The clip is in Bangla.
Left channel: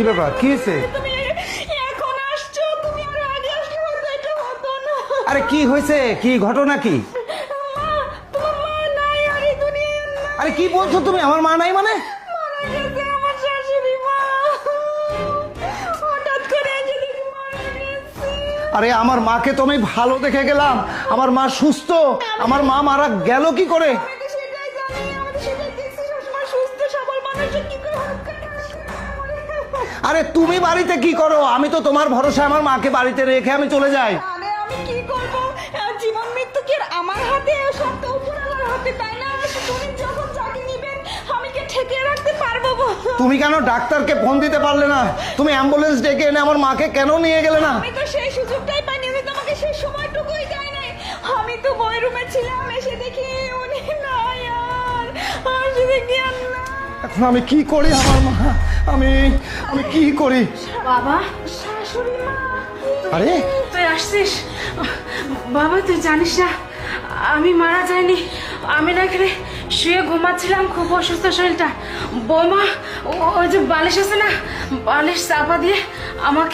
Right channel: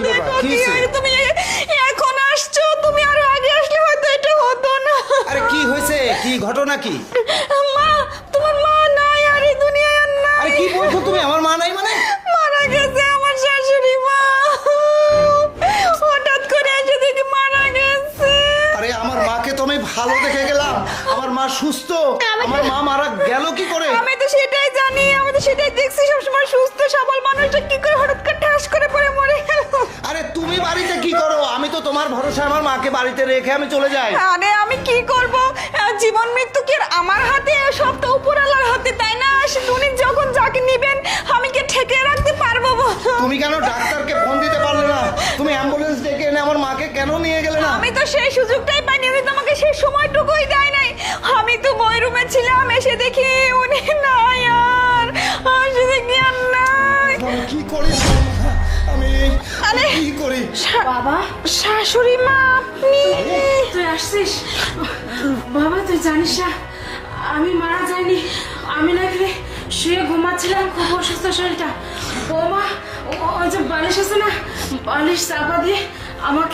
কি ব্যাপার? কি হয়েছে? তুমি এখন আসছো, তুমি আরো আগে আসলে হয়তো এটা হতো না। আরে কি হয়েছে? কি ঘটনা কি? মা, তোমার মা নাই আর এই দুনিয়ায় আর নাই। আরে কি বলছো তুমি? আমার মা নাই মানে? মারা গেছে আমার শাশুড়ি মা, হঠাৎ করে এসে দেখি মারা গেছে। আরে আমার মাকে তো আমি ভালো দেখে গেলাম, আমার মা সুস্থ, আমার মা মারা গেল কি করে? আমি তো সেটাই জানি, আমি তো সেটাই দেখছি সবসময় সুস্থ সবল মানুষটা কি করে হঠাৎ করে ঠাস করে পড়ে মরে গেল। আরে তুমি বাড়িতে কি করো? আমি তো তোমার ভরসা আমার মাকে বাড়িতে রেখে আমি চলে যাই। আরে আমি কি করব, জীবন মৃত্যু কি আর আমার হাতে, সবটা উপরওয়ালার হাতে, তাই না? উনি যখন যাকে নেবেন আমি কি ঠেকে রাখতে পারবো বলো? তুমি কেন ডাক্তারকে ফোন দিতে পারলে না? তুমি অ্যাম্বুলেন্স ডেকে এনে আমার মাকে কেন নিয়ে গেলে না? আমি তো সেই সুযোগটাই পাইনি, উনি তোমাকে সেই সময়টুকুই দেয় নাই। আমি তো বই রুমে ছিলাম, এসে দেখি উনি নাই আর, এসে দেখি আর নাই। আমি কি করি আমার মা? আমি কি করি? বাবা, শাশুড়ি মা আপনি? আরে তুই আসছিস? বাবা তুই জানিস না আমি মারা যাইনি, আমি না এখানে শুয়ে ঘুমাচ্ছিলাম, খুব অসুস্থ শরীরটা। বৌমা ওই যে বালিশ আছে না, বালিশ চাপা দিয়ে আমাকে